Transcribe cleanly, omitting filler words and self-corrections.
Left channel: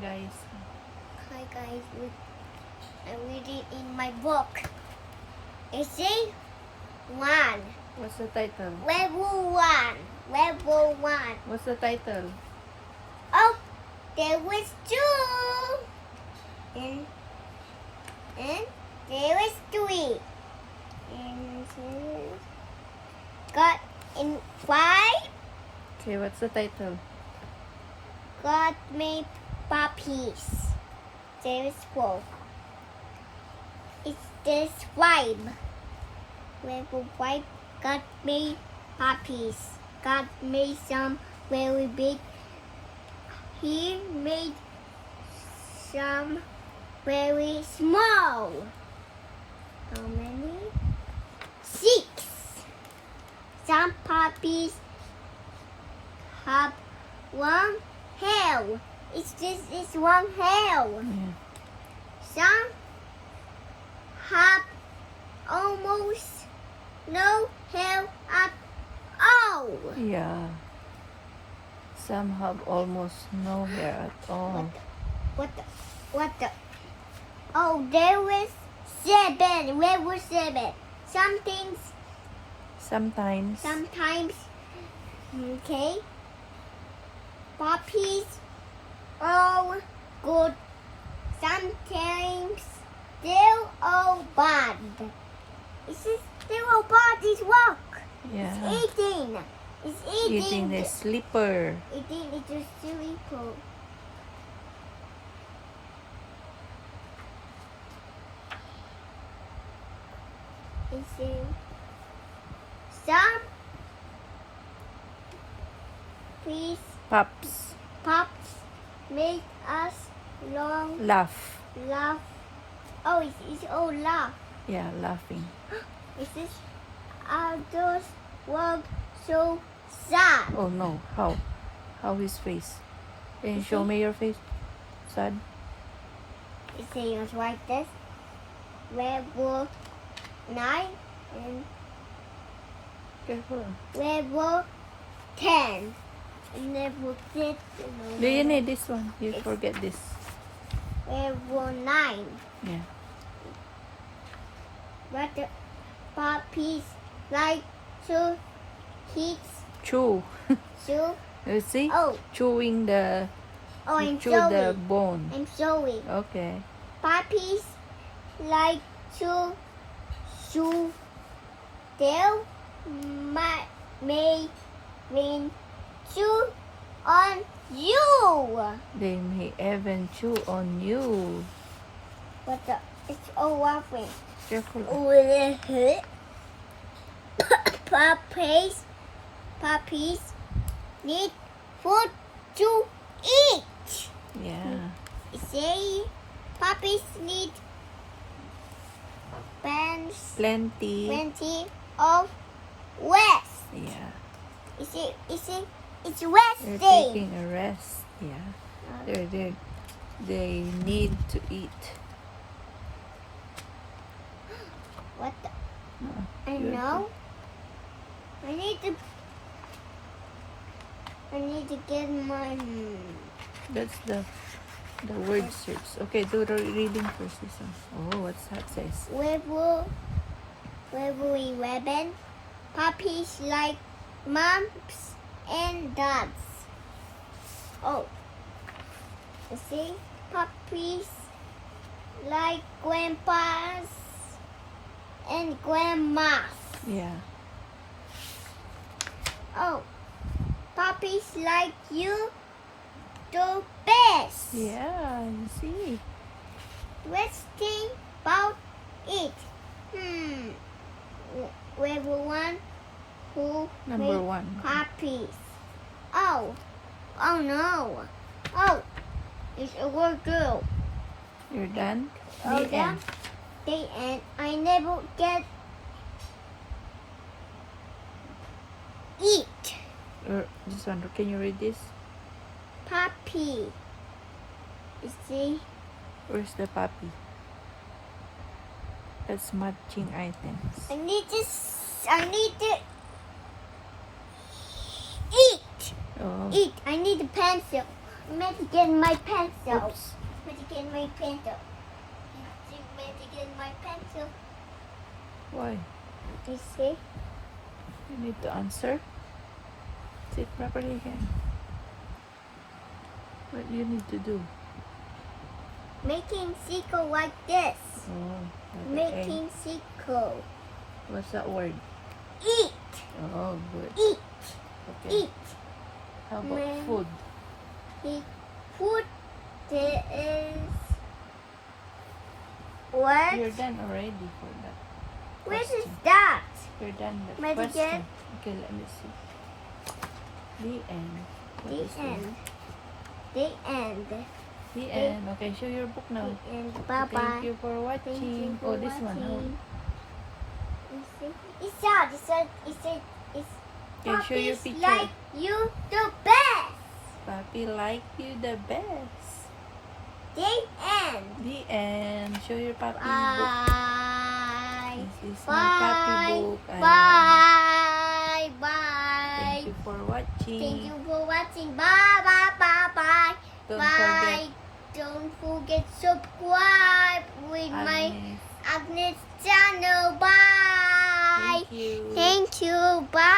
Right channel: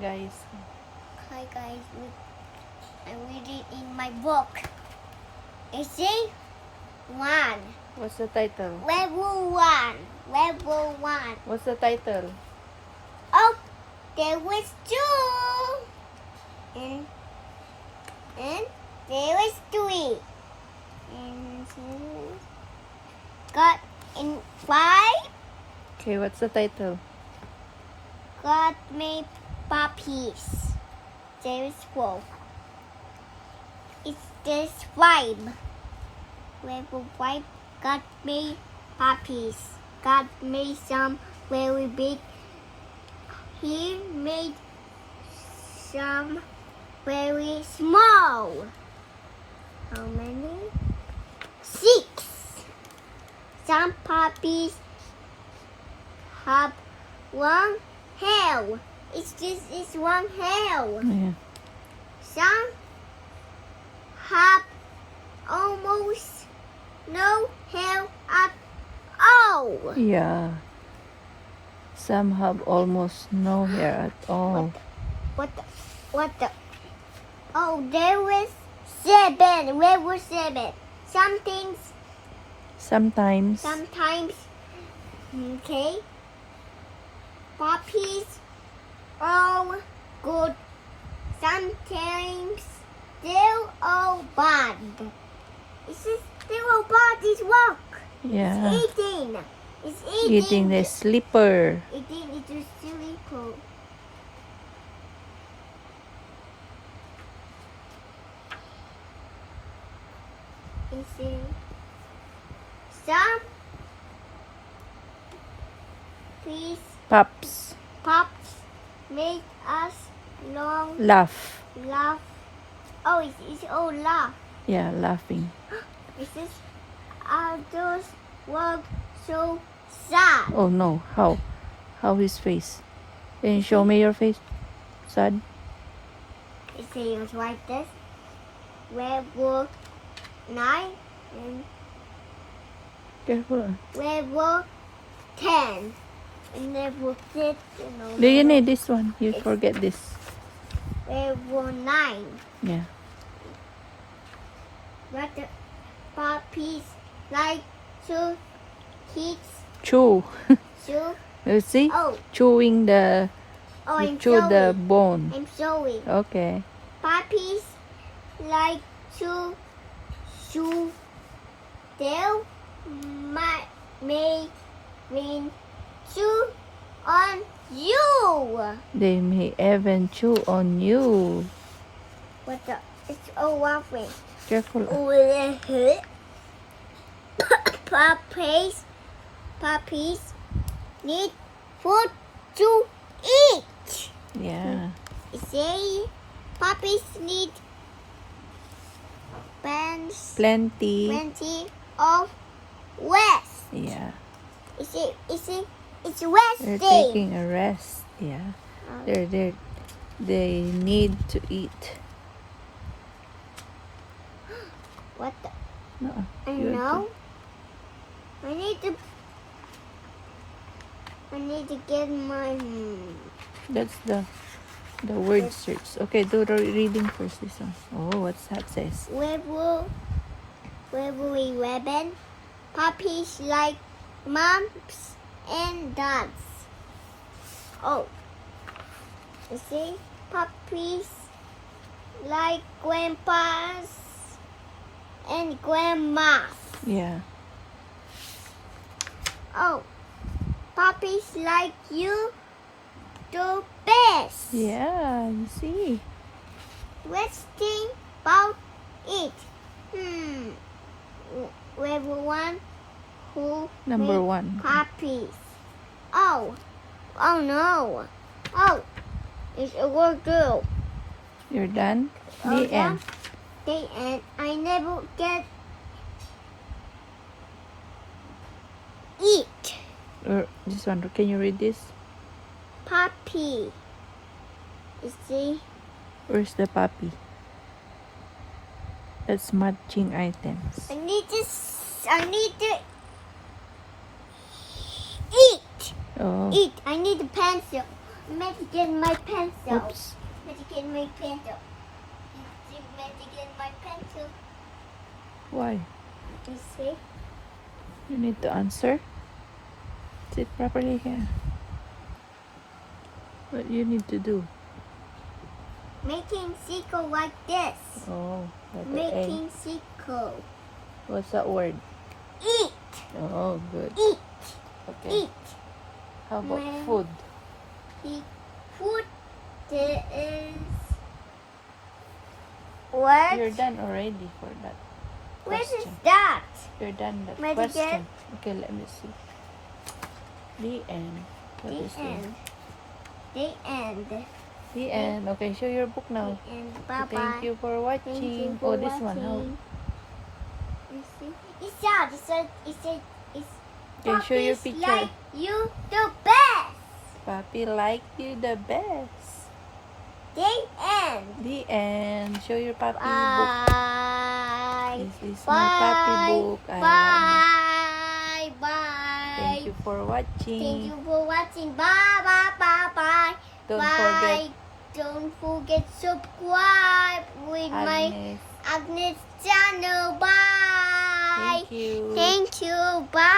guys. Hi guys, I'm reading in my book. You see? One. What's the title? Level one. Level one. What's the title? Oh, there was two. And there was three. And got in five. Okay, what's the title? God made puppies. There's four. There's five. Level five. God made puppies. God made some very big. He made some very small. How many? 6. Some puppies have one hair. It's one hair. Yeah. Some have almost no hair at all. Yeah. Some have almost no hair at all. What the? Oh, there was 7. Where was 7? Sometimes. Okay. Puppies are good. Sometimes they're all bad. They're all bad. It's work. Yeah. It's eating. It's eating. Eating the slipper. Eating it is silly cold. You see, some pups make us Laugh. laugh. Oh, it's all laugh. Yeah, laughing. Others work so sad. Oh no. How? How his face? Can you show me your face? Sad? You see, it's like this. Level 9 and Careful. level 10. And level 6, Do you need this one? You forget this. level 9. Yeah. But the puppies like to eat Chew. soup. You see? Oh, Chewing the. oh, You I'm chew the showing. bone. I'm showing. Okay. Puppies like to chew their may mean chew on you. They may even chew on you. What the? It's all laughing. Careful. Puppies need food to eat. Yeah. You see, puppies need plenty of rest. Yeah. You see, it's They're resting. taking a rest. Yeah. They need to eat. What the? No. I you know. I need to get my. That's the word search. Okay, do the reading first. This one. Oh, what's that says? Level 11. Puppies like moms and dads. Oh, you see, puppies like grandpas and grandmas. Yeah. Oh, puppies like you the best. Yeah, you see. Let's think about it. Level 1 who Number made 1. puppies. Oh no. Oh, it's a word girl. You're done? Oh, The yeah. end. The end. I never get eat. Or this one. Can you read this? Puppy. You see? Where's the puppy? That's matching items. I need to eat. Oh. Eat. I need a pencil. Get my pencil. Oops. Get my pencil. Get my pencil. Why? You see? You need to answer. Sit properly here. What you need to do? Making sequel like this. Oh, okay. Making sequel. What's that word? Eat. Oh, good. Eat. Okay. Eat. How about Mm. food? The food there is what? You're done already for that. What is question. that? You're done the Ready, question. Okay, let me see. The end. What The is that? end. The end. The end. Okay, show your book now. The end. Bye bye. Thank you for watching. Thank you for this one. watching. You see? It's sad. It's Okay, show your Puppies picture. like you the best. Puppy like you the best. The end. The end. Show your puppy book. Bye. This is my puppy Bye. book. Bye. Bye. Thank you for watching. Thank you for watching. Bye. Bye. Bye. Bye. Don't Bye. Don't forget subscribe with my Agnes. Agnes channel. Bye. Thank you. Thank you. Bye.